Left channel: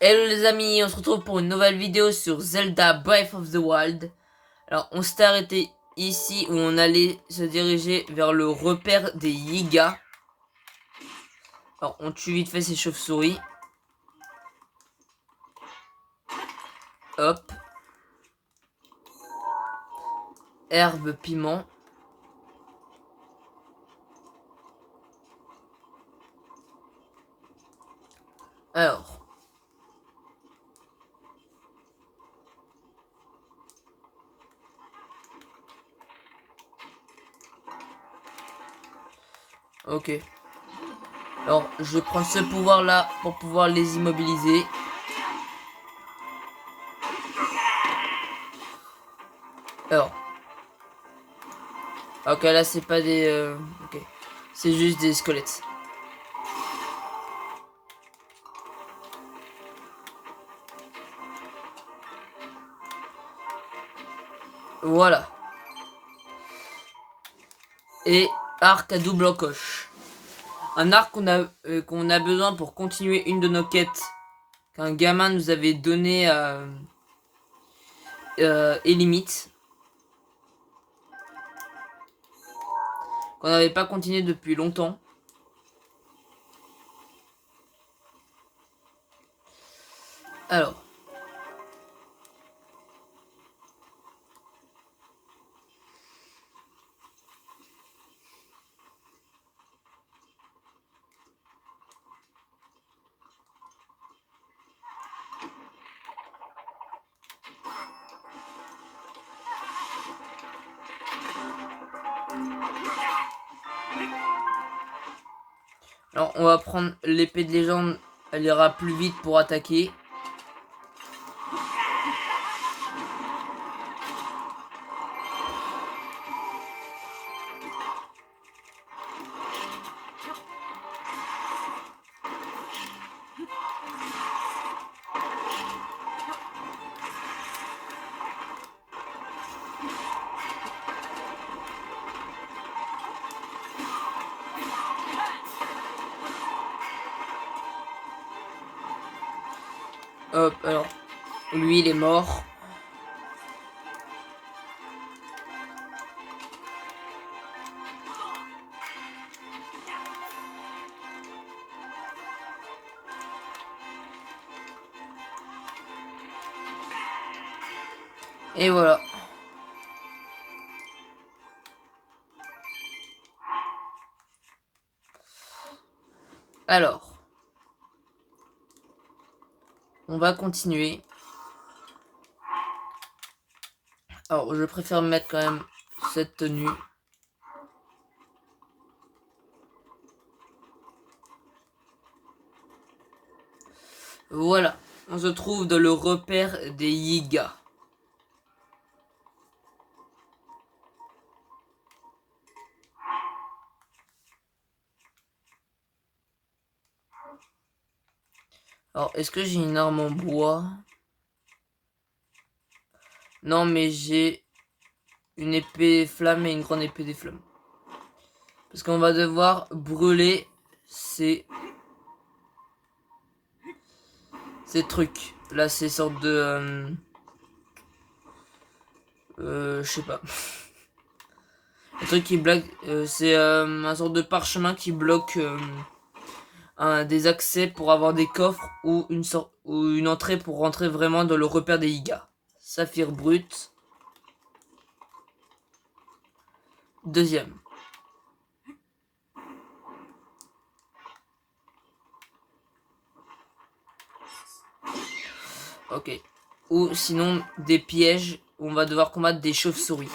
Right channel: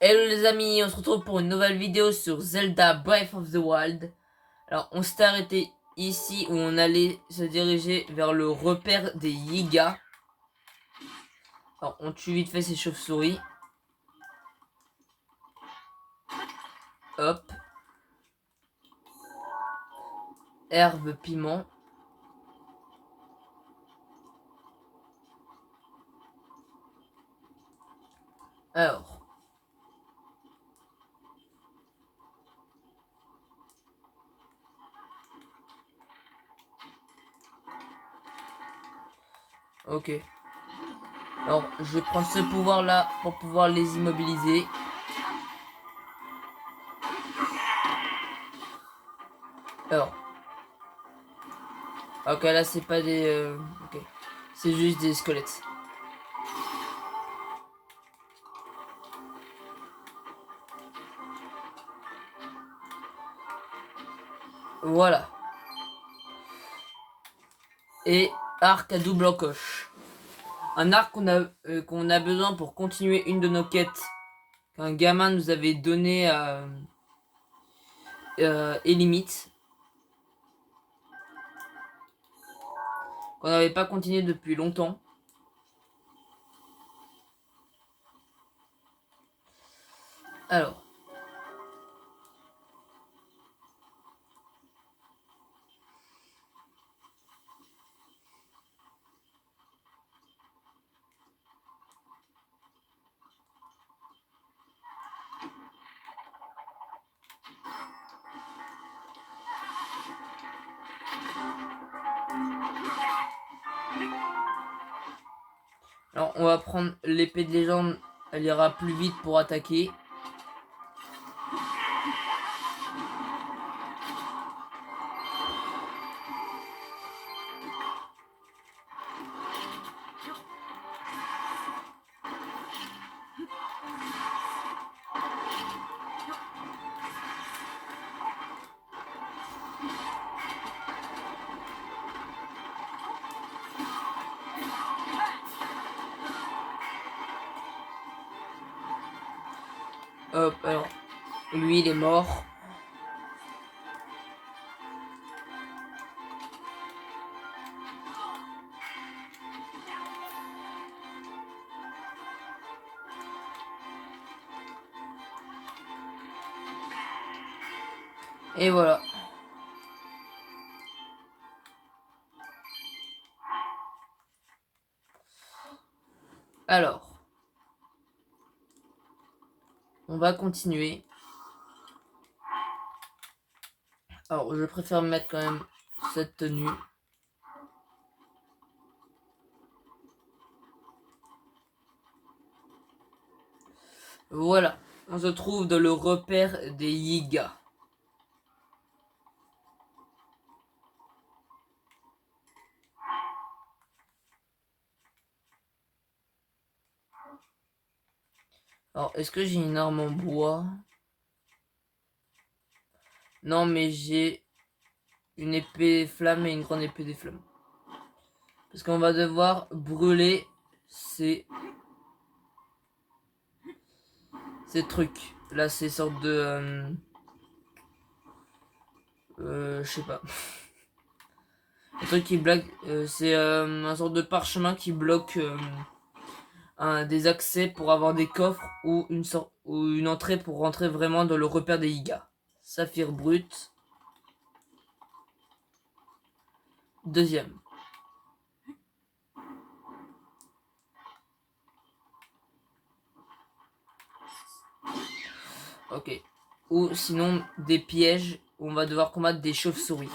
Hello les amis, on se retrouve pour une nouvelle vidéo sur Zelda Breath of the Wild. Alors on s'était arrêté ici où on allait se diriger vers le repère des Yiga. Alors on tue vite fait ces chauves-souris. Hop. Herbe, piment. Alors. Ok. Alors je prends ce pouvoir là pour pouvoir les immobiliser. Alors. Ok, là c'est pas des... Ok. C'est juste des squelettes. Voilà. Et arc à double encoche. Un arc qu'on a besoin pour continuer une de nos quêtes qu'un gamin nous avait donné et limite. Qu'on n'avait pas continué depuis longtemps. Alors. Alors on va prendre l'épée de légende. Elle ira plus vite pour attaquer. Hop, alors. Lui il est mort. Et voilà. Alors. On va continuer. Alors je préfère mettre quand même cette tenue. Voilà. On se trouve dans le repère des Yiga. Alors, est-ce que j'ai une arme en bois? Non, mais j'ai une épée flamme et une grande épée des flammes. Parce qu'on va devoir brûler ces trucs. Là, ces sortes de... je sais pas. Un truc qui bloque... c'est un sorte de parchemin qui bloque des accès pour avoir des coffres ou une entrée pour rentrer vraiment dans le repère des Yiga. Saphir brut. Deuxième. Ok. Ou sinon des pièges où on va devoir combattre des chauves-souris.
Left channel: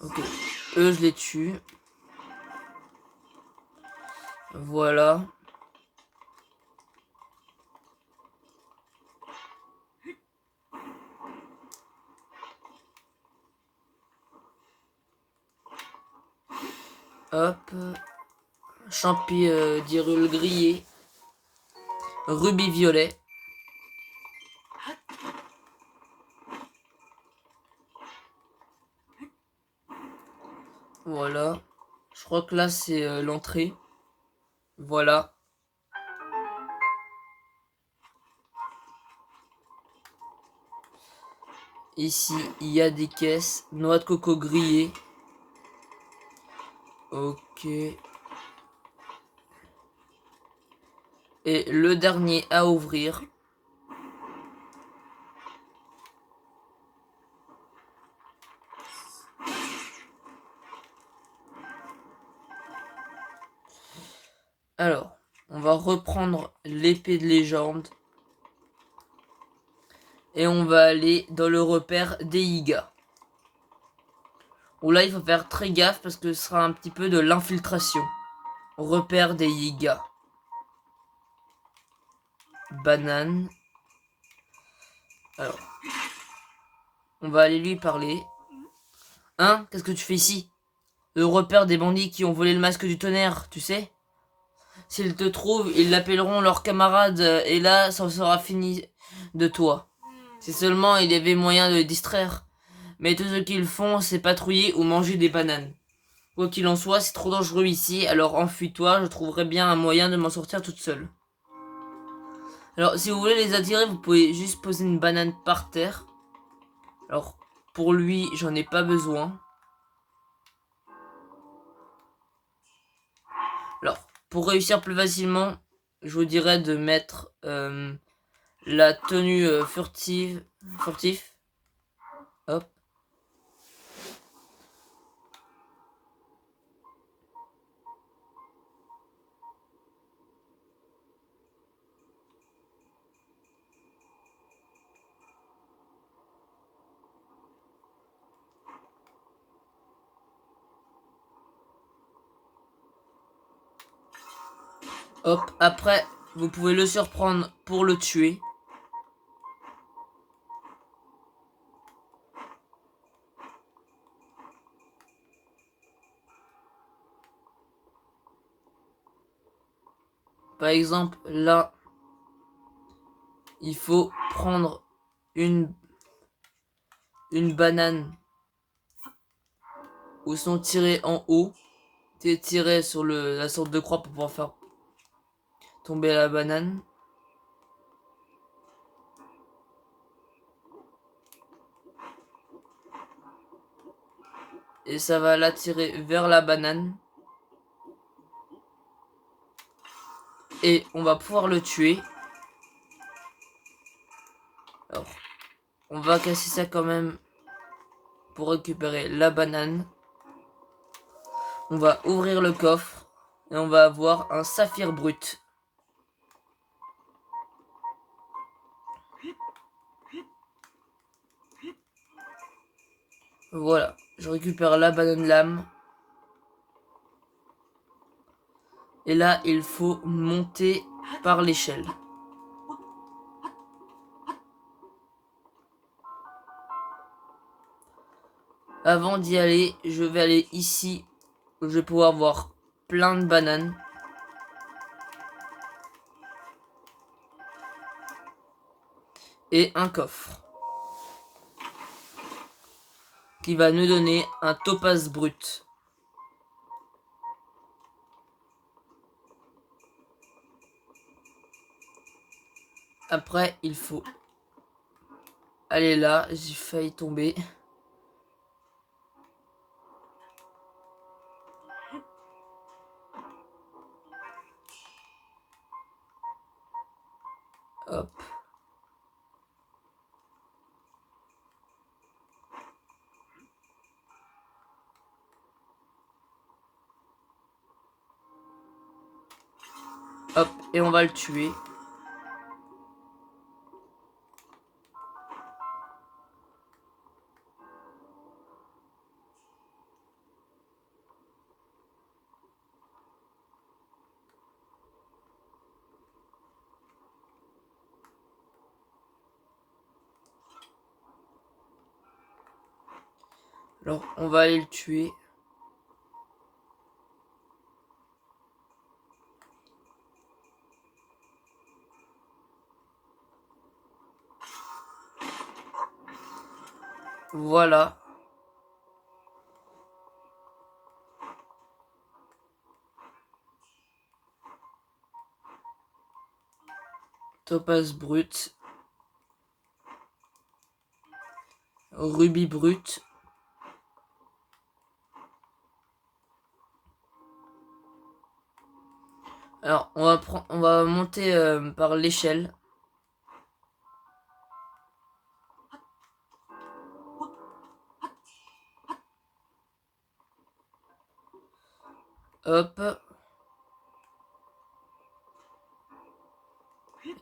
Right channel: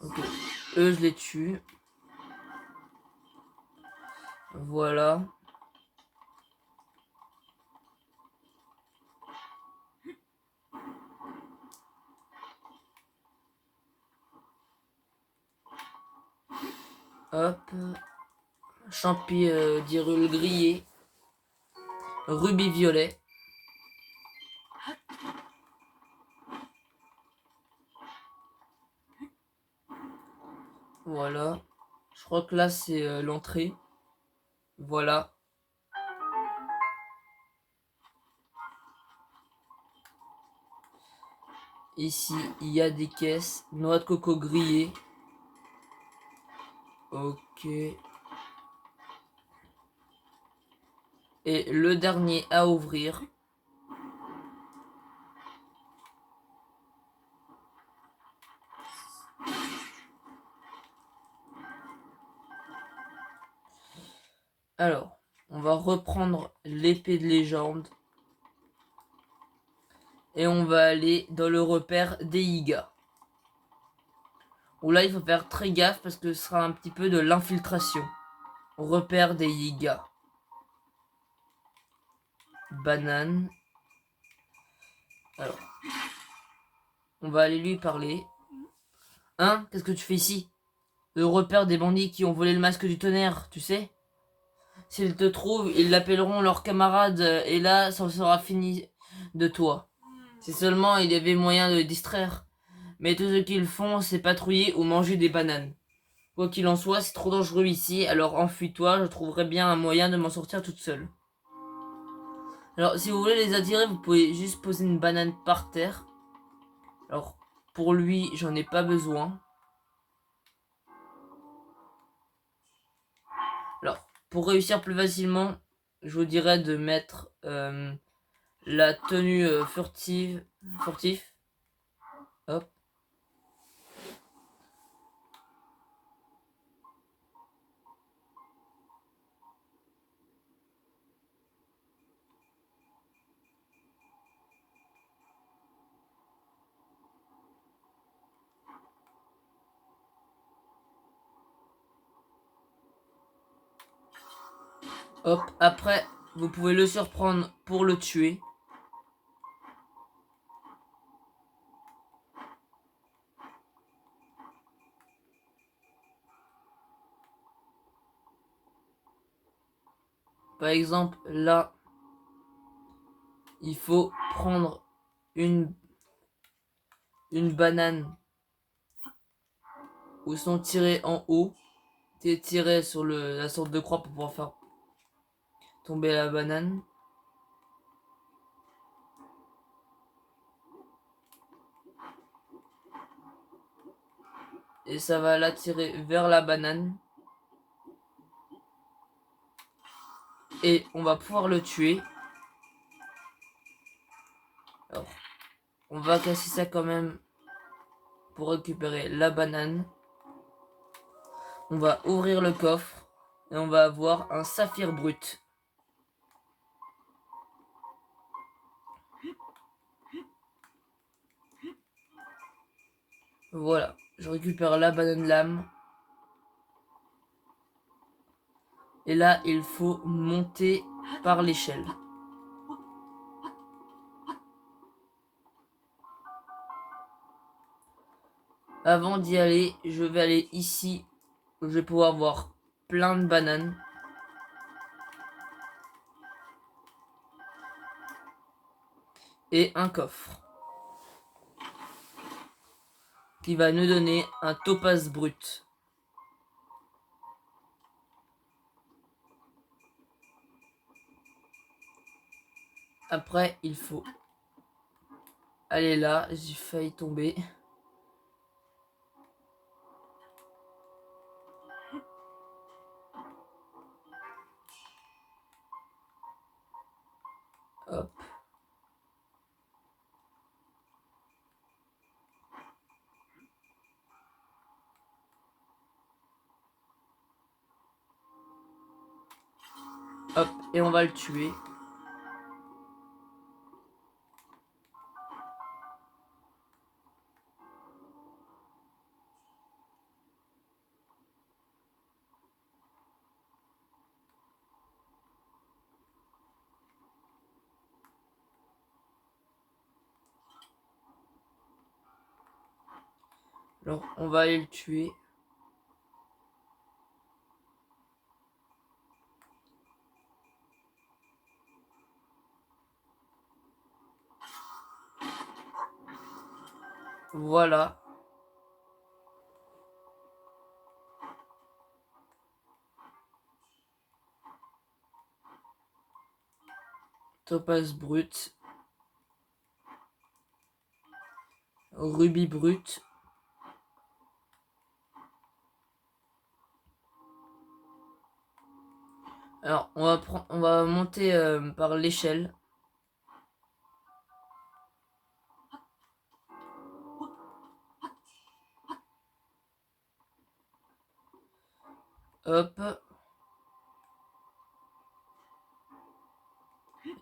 Ok. Eux, je les tue. Voilà. Hop. Champi d'Hyrule grillé. Rubis violet. Voilà. Je crois que là, c'est l'entrée. Voilà. Ici, il y a des caisses. Noix de coco grillées. Ok. Et le dernier à ouvrir. Alors, on va reprendre l'épée de légende. Et on va aller dans le repère des Yigas. Où là, il faut faire très gaffe parce que ce sera un petit peu de l'infiltration. Repère des Yigas. Banane. Alors, on va aller lui parler. Hein? Qu'est-ce que tu fais ici? Le repère des bandits qui ont volé le masque du tonnerre, tu sais? S'ils te trouvent, ils l'appelleront leur camarade et là, ça sera fini de toi. Si seulement il y avait moyen de les distraire. Mais tout ce qu'ils font, c'est patrouiller ou manger des bananes. Quoi qu'il en soit, c'est trop dangereux ici, alors enfuis-toi, je trouverai bien un moyen de m'en sortir toute seule. Alors, si vous voulez les attirer, vous pouvez juste poser une banane par terre. Alors, pour lui, j'en ai pas besoin. Alors, pour réussir plus facilement, je vous dirais de mettre la tenue furtif. Hop. Hop. Après, vous pouvez le surprendre pour le tuer. Par exemple, là, il faut prendre une, une banane ou sont tirés en haut. Tirer sur la sorte de croix pour pouvoir faire tomber la banane. Et ça va l'attirer vers la banane. Et on va pouvoir le tuer. Alors, on va casser ça quand même pour récupérer la banane. On va ouvrir le coffre et on va avoir un saphir brut. Voilà, je récupère la banane lame. Et là, il faut monter par l'échelle. Avant d'y aller, je vais aller ici où je vais pouvoir voir plein de bananes. Et un coffre. Qui va nous donner un topaz brut. Après, il faut aller là. J'ai failli tomber. Hop. Hop. Et on va le tuer. Alors, on va aller le tuer. Voilà. Topaz brut. Rubis brut. Alors, on va monter par l'échelle. Hop.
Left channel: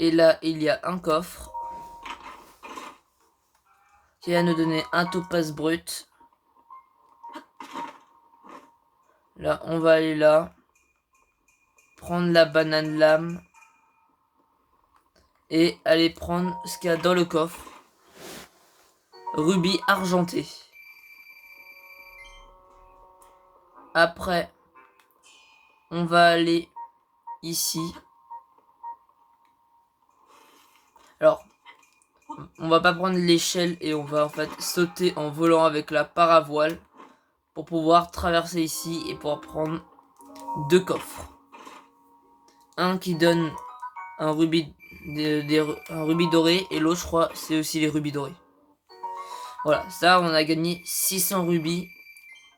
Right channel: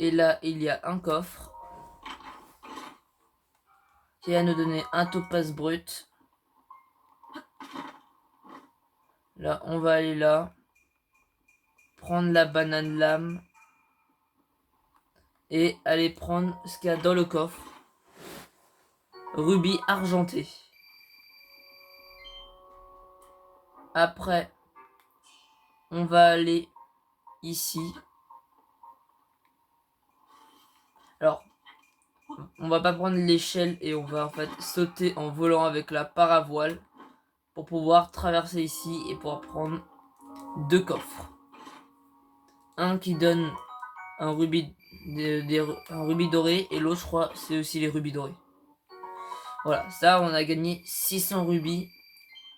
Et là, il y a un coffre qui va nous donner un topaz brut. Là, on va aller là. Prendre la banane lame. Et aller prendre ce qu'il y a dans le coffre. Rubis argenté. Après, on va aller ici. Alors, on va pas prendre l'échelle et on va en fait sauter en volant avec la paravoile pour pouvoir traverser ici et pouvoir prendre 2 coffres. Un qui donne un rubis, un rubis doré et l'autre, je crois, c'est aussi les rubis dorés. Voilà, ça, on a gagné 600 rubis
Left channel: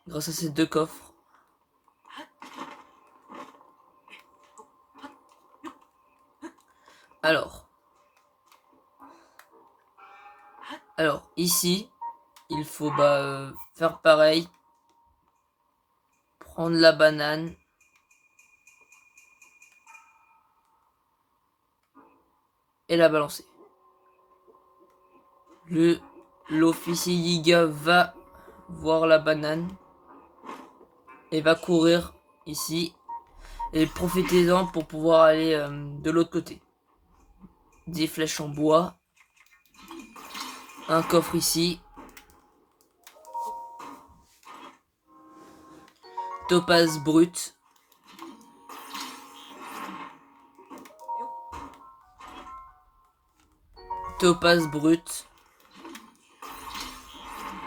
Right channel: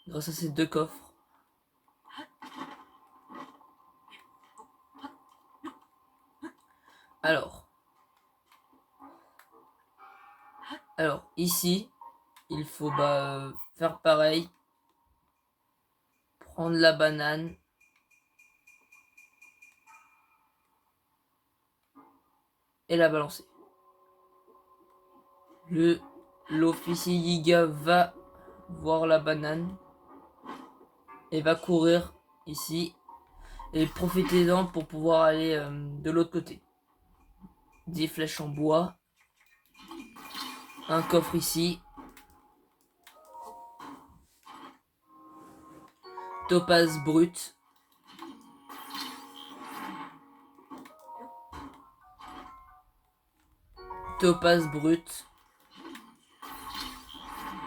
grâce à ces 2 coffres. Alors ici, il faut faire pareil. Prendre la banane. Et la balancer. L'officier Yiga va voir la banane. Et va courir ici. Et profitez-en pour pouvoir aller de l'autre côté. Des flèches en bois. Un coffre ici. Topaz brut. Topaz brut.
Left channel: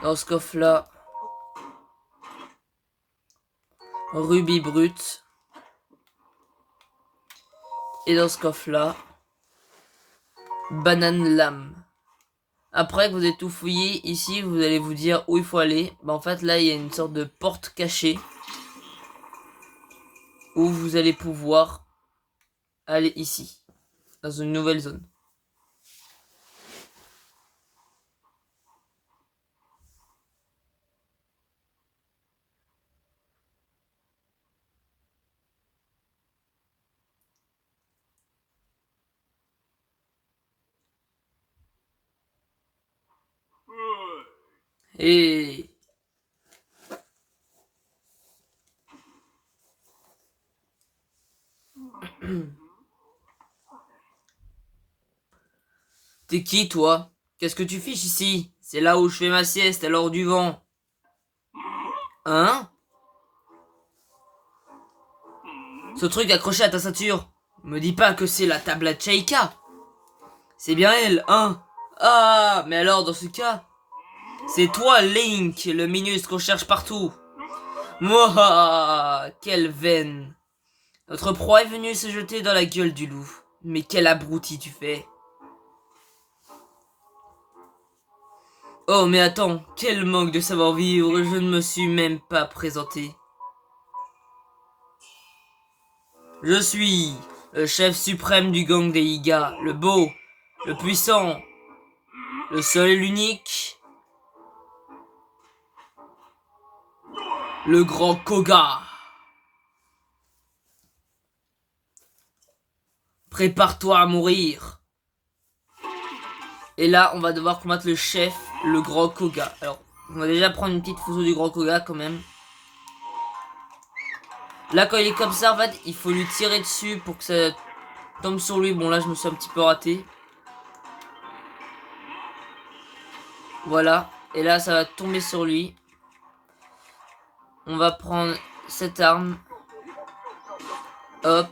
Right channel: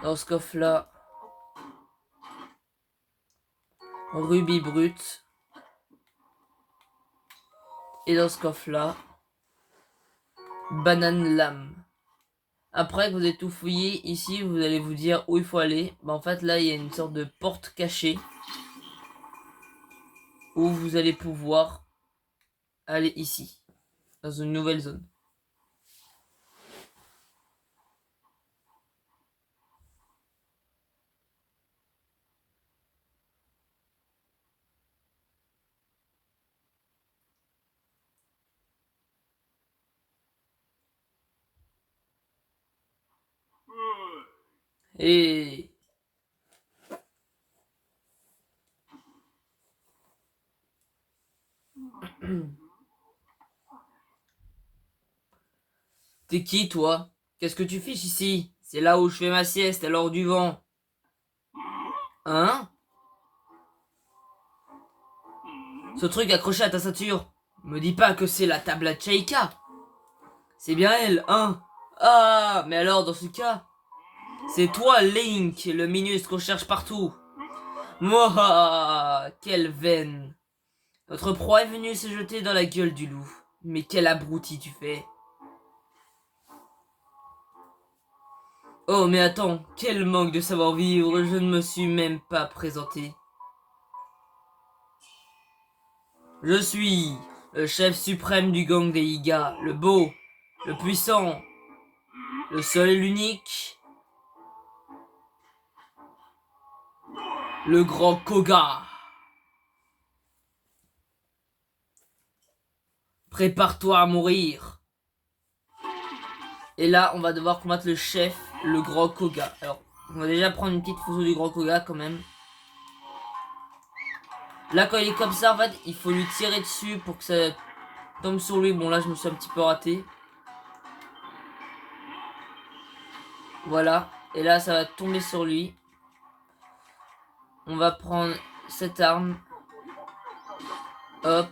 Dans ce coffre là. Rubis brut. Et dans ce coffre là. Banane lame. Après que vous avez tout fouillé, ici vous allez vous dire où il faut aller. En fait là il y a une sorte de porte cachée. Où vous allez pouvoir aller ici. Dans une nouvelle zone. Et t'es qui toi? Qu'est-ce que tu fiches ici? C'est là où je fais ma sieste à l'heure du vent. Hein? Ce truc accroché à ta ceinture. Me dis pas que c'est la tablette Sheikah. C'est bien elle, hein? Ah, mais alors dans ce cas, c'est toi Link, le Minus qu'on cherche partout. Mouah, quelle veine. Notre proie est venue se jeter dans la gueule du loup. Mais quel abruti tu fais. Oh mais attends, quel manque de savoir-vivre, je ne me suis même pas présenté. Je suis le chef suprême du gang des Iga, le beau, le puissant, le seul et l'unique, le grand Koga. Prépare-toi à mourir. Et là, on va devoir combattre le chef, le grand Koga. Alors, on va déjà prendre une petite photo du grand Koga quand même. Là, quand il est comme ça, en fait, il faut lui tirer dessus pour que ça tombe sur lui. Bon, là, je me suis un petit peu raté. Voilà. Et là, ça va tomber sur lui. On va prendre cette arme. Hop.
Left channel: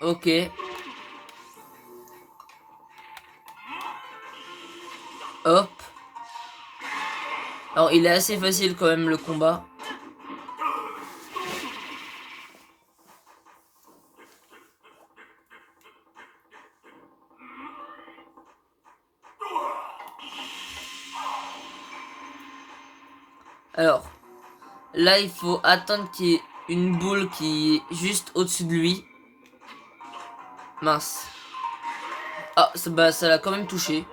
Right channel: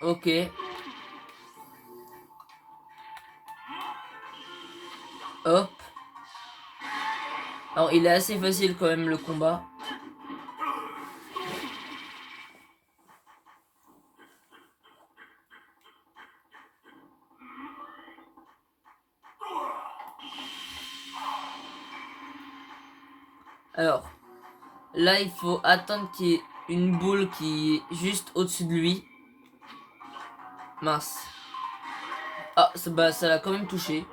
Ok. Hop. Alors, il est assez facile quand même, le combat. Alors, là, il faut attendre qu'il y ait une boule qui est juste au-dessus de lui. Mince. Ah, bah, ça l'a quand même touché.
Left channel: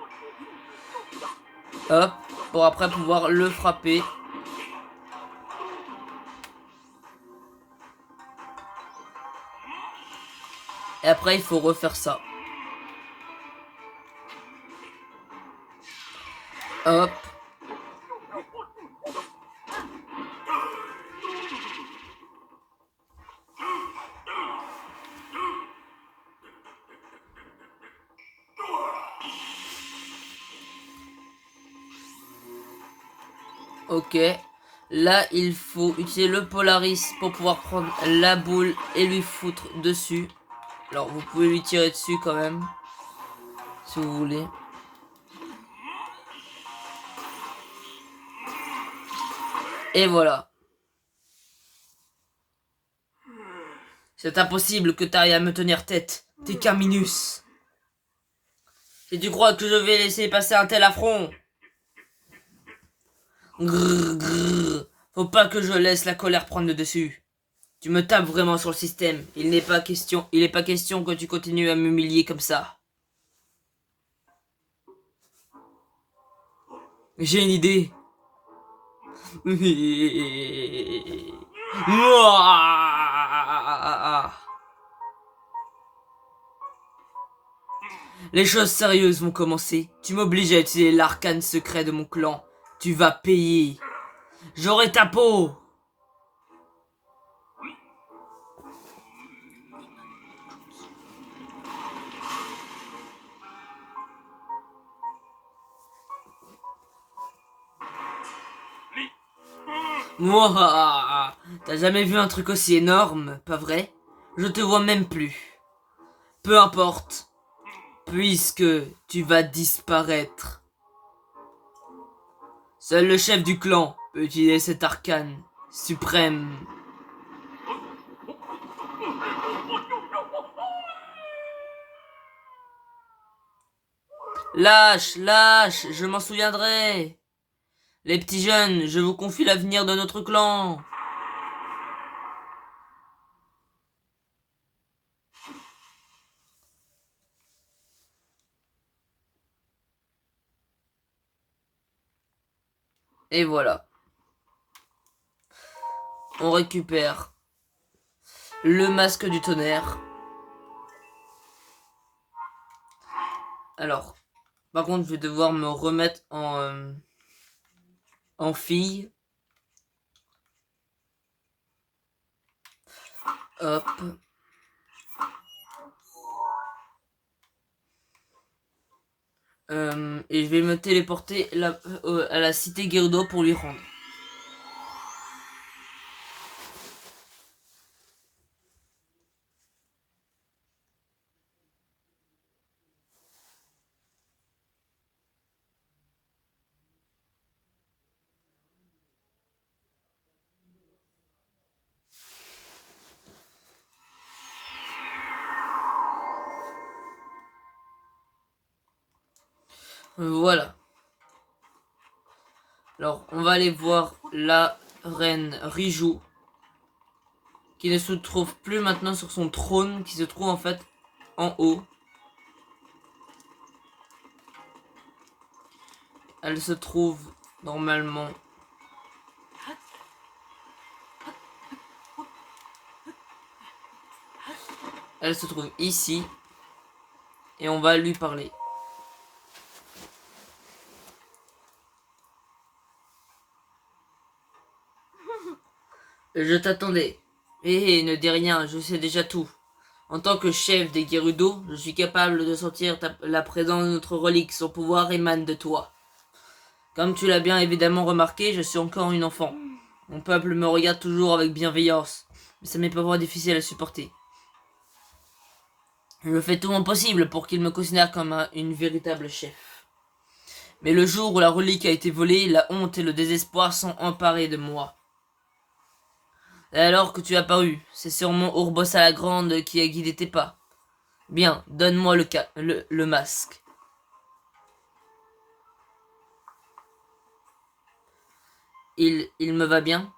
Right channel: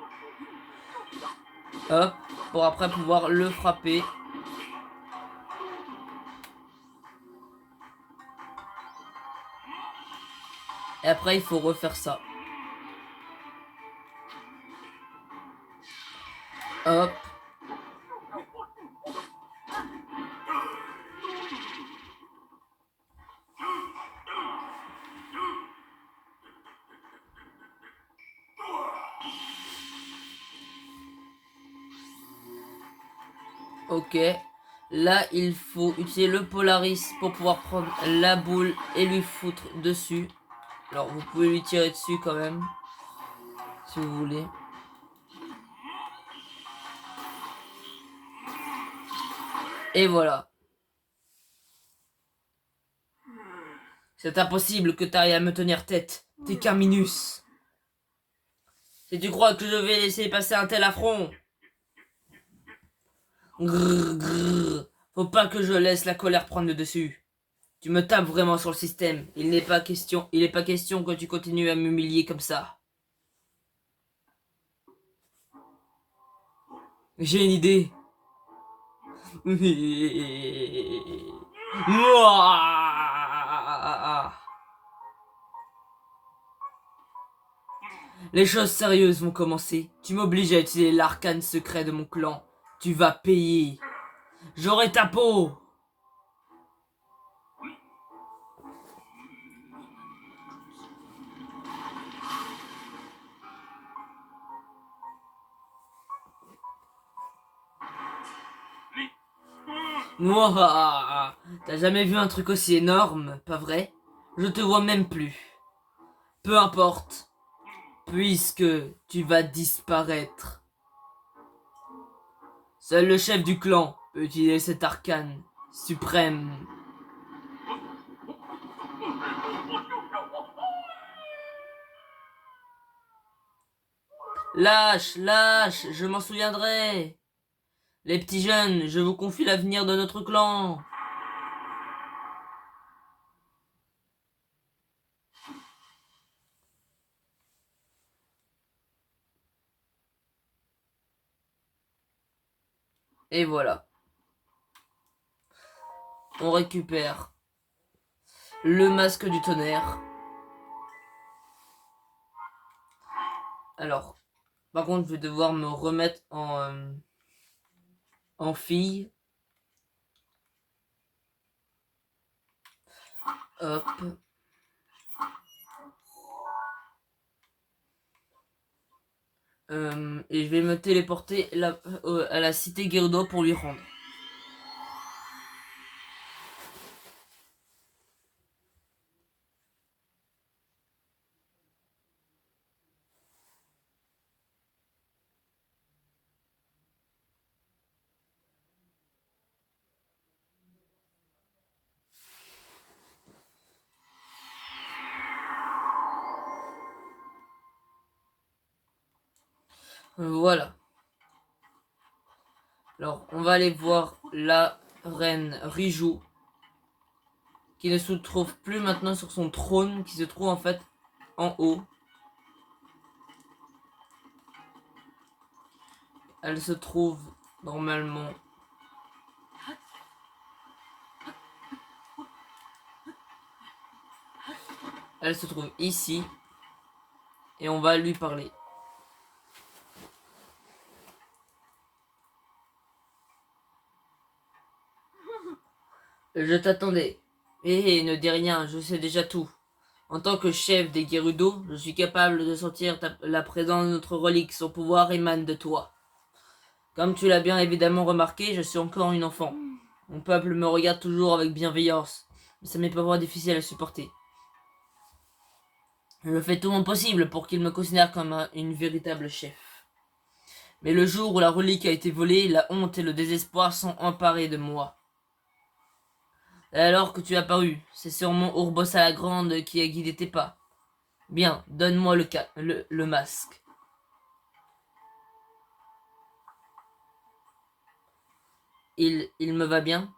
Hop, pour après pouvoir le frapper. Et après, il faut refaire ça. Hop. Ok. Là, il faut utiliser le Polaris pour pouvoir prendre la boule et lui foutre dessus. Alors, vous pouvez lui tirer dessus quand même. Si vous voulez. Et voilà. C'est impossible que t'ailles à me tenir tête. T'es qu'un minus. Si tu crois que je vais laisser passer un tel affront. Grrr, grrr. Faut pas que je laisse la colère prendre le dessus. Tu me tapes vraiment sur le système. Il n'est pas question que tu continues à m'humilier comme ça. J'ai une idée. Les choses sérieuses vont commencer. Tu m'obliges à utiliser l'arcane secret de mon clan. Tu vas payer. J'aurai ta peau. Mouah. T'as jamais vu un truc aussi énorme, pas vrai? Je te vois même plus. Peu importe, puisque tu vas disparaître. Seul le chef du clan peut utiliser cet arcane suprême. Lâche, lâche, je m'en souviendrai. Les petits jeunes, je vous confie l'avenir de notre clan. Et voilà. On récupère le masque du tonnerre. Alors, par contre, je vais devoir me remettre en fille. Hop. Et je vais me téléporter à la cité Gerudo pour lui rendre. Voilà. Alors, on va aller voir la reine Riju, qui ne se trouve plus maintenant sur son trône, qui se trouve en fait en haut. Elle se trouve normalement. Elle se trouve ici. Et on va lui parler. Je t'attendais. Hé, ne dis rien, je sais déjà tout. En tant que chef des Gerudo, je suis capable de sentir la présence de notre relique. Son pouvoir émane de toi. Comme tu l'as bien évidemment remarqué, je suis encore une enfant. Mon peuple me regarde toujours avec bienveillance, mais ça m'est parfois difficile à supporter. Je fais tout mon possible pour qu'il me considère comme une véritable chef. Mais le jour où la relique a été volée, la honte et le désespoir sont emparés de moi. Et alors que tu as apparu, c'est sûrement Urbosa la Grande qui a guidé tes pas. Bien, donne-moi le masque. il me va bien.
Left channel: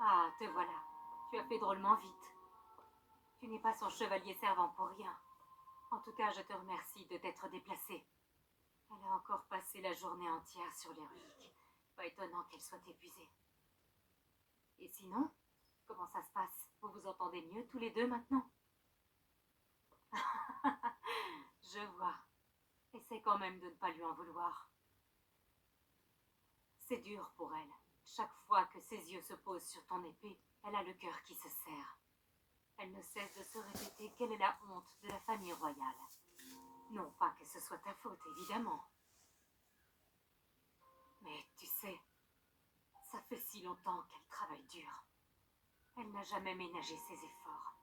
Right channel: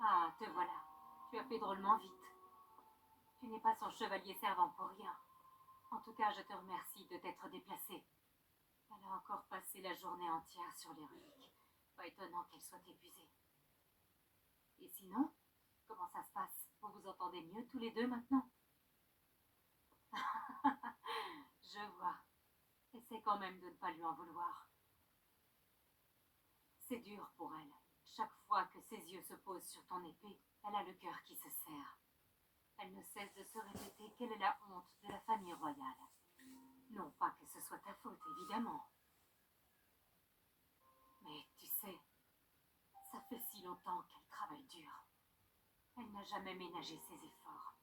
Ah, te voilà. Tu as fait drôlement vite. Tu n'es pas son chevalier servant pour rien. En tout cas, je te remercie de t'être déplacée. Elle a encore passé la journée entière sur les reliques. Pas étonnant qu'elle soit épuisée. Et sinon, comment ça se passe? Vous vous entendez mieux tous les deux maintenant? Je vois. Essaie quand même de ne pas lui en vouloir. C'est dur pour elle. Chaque fois que ses yeux se posent sur ton épée, elle a le cœur qui se serre. Elle ne cesse de se répéter qu'elle est la honte de la famille royale. Non pas que ce soit ta faute, évidemment. Mais tu sais, ça fait si longtemps qu'elle travaille dur. Elle n'a jamais ménagé ses efforts.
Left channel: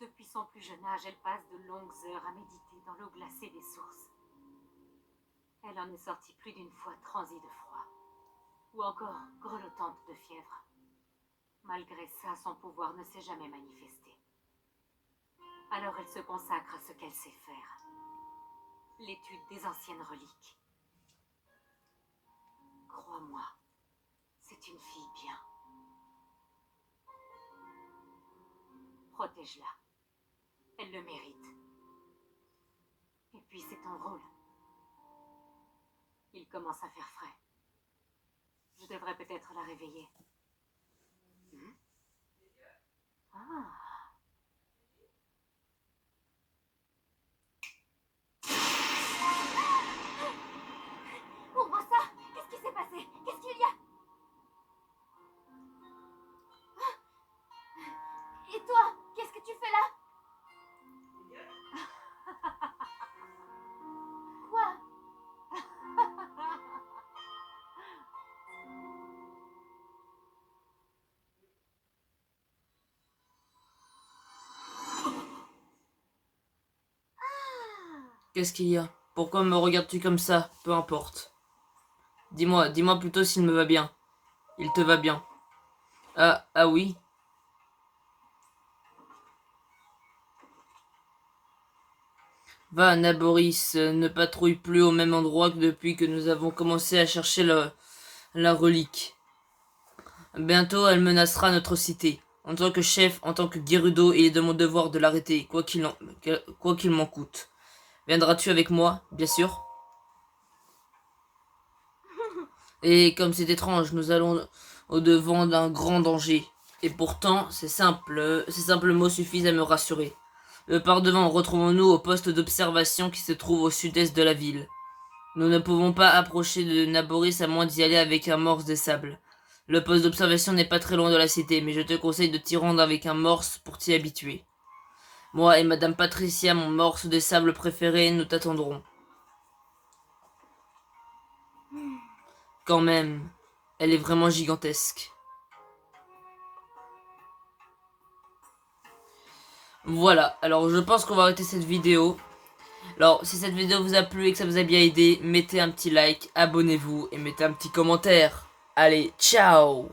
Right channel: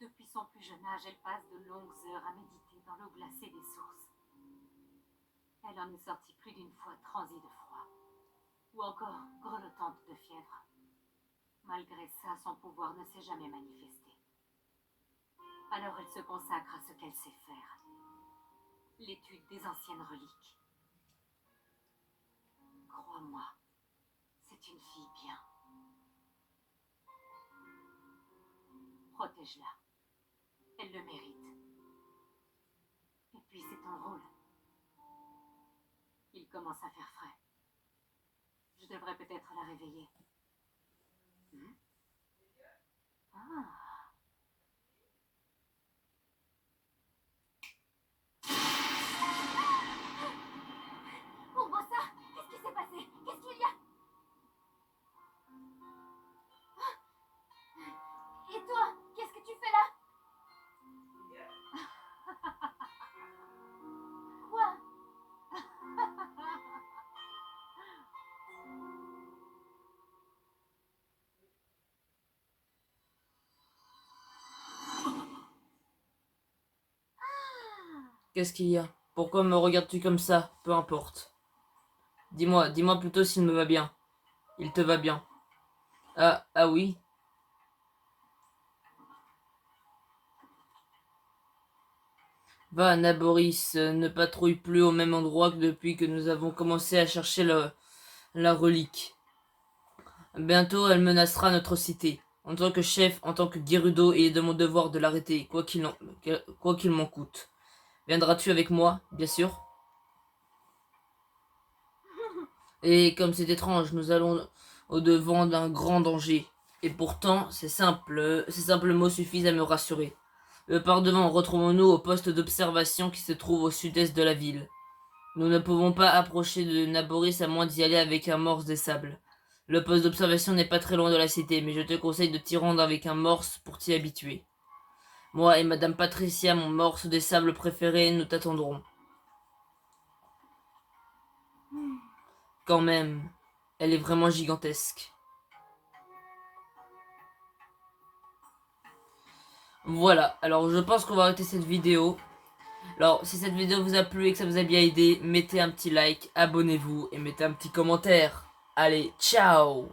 Depuis son plus jeune âge, elle passe de longues heures à méditer dans l'eau glacée des sources. Elle en est sortie plus d'une fois transie de froid, ou encore grelottante de fièvre. Malgré ça, son pouvoir ne s'est jamais manifesté. Alors elle se consacre à ce qu'elle sait faire. L'étude des anciennes reliques. Crois-moi, c'est une fille bien. Protège-la. Elle le mérite. Et puis c'est ton rôle. Il commence à faire frais. Je devrais peut-être la réveiller. Ah. Ouvre ça! Qu'est-ce qui s'est passé? Qu'est-ce qu'il y a? Et toi? Qu'est-ce que tu fais là? Quoi? Qu'est-ce qu'il y a? Pourquoi me regardes-tu comme ça? Peu importe. Dis-moi plutôt s'il me va bien. Il te va bien. Ah oui. Va, Naboris, ne patrouille plus au même endroit que depuis que nous avons commencé à chercher la relique. Bientôt, elle menacera notre cité. En tant que chef, en tant que Gerudo, il est de mon devoir de l'arrêter, quoi qu'il m'en coûte. Viendras-tu avec moi, bien sûr? Et comme c'est étrange, nous allons au-devant d'un grand danger. Et pourtant, ces simples mots suffisent à me rassurer. Par-devant, retrouvons-nous au poste d'observation qui se trouve au sud-est de la ville. Nous ne pouvons pas approcher de Naboris à moins d'y aller avec un morse des sables. Le poste d'observation n'est pas très loin de la cité, mais je te conseille de t'y rendre avec un morse pour t'y habituer. Moi et Madame Patricia, mon morse des sables préféré, nous t'attendrons. Quand même, elle est vraiment gigantesque. Voilà, alors je pense qu'on va arrêter cette vidéo. Alors, si cette vidéo vous a plu et que ça vous a bien aidé, mettez un petit like, abonnez-vous et mettez un petit commentaire. Allez, ciao!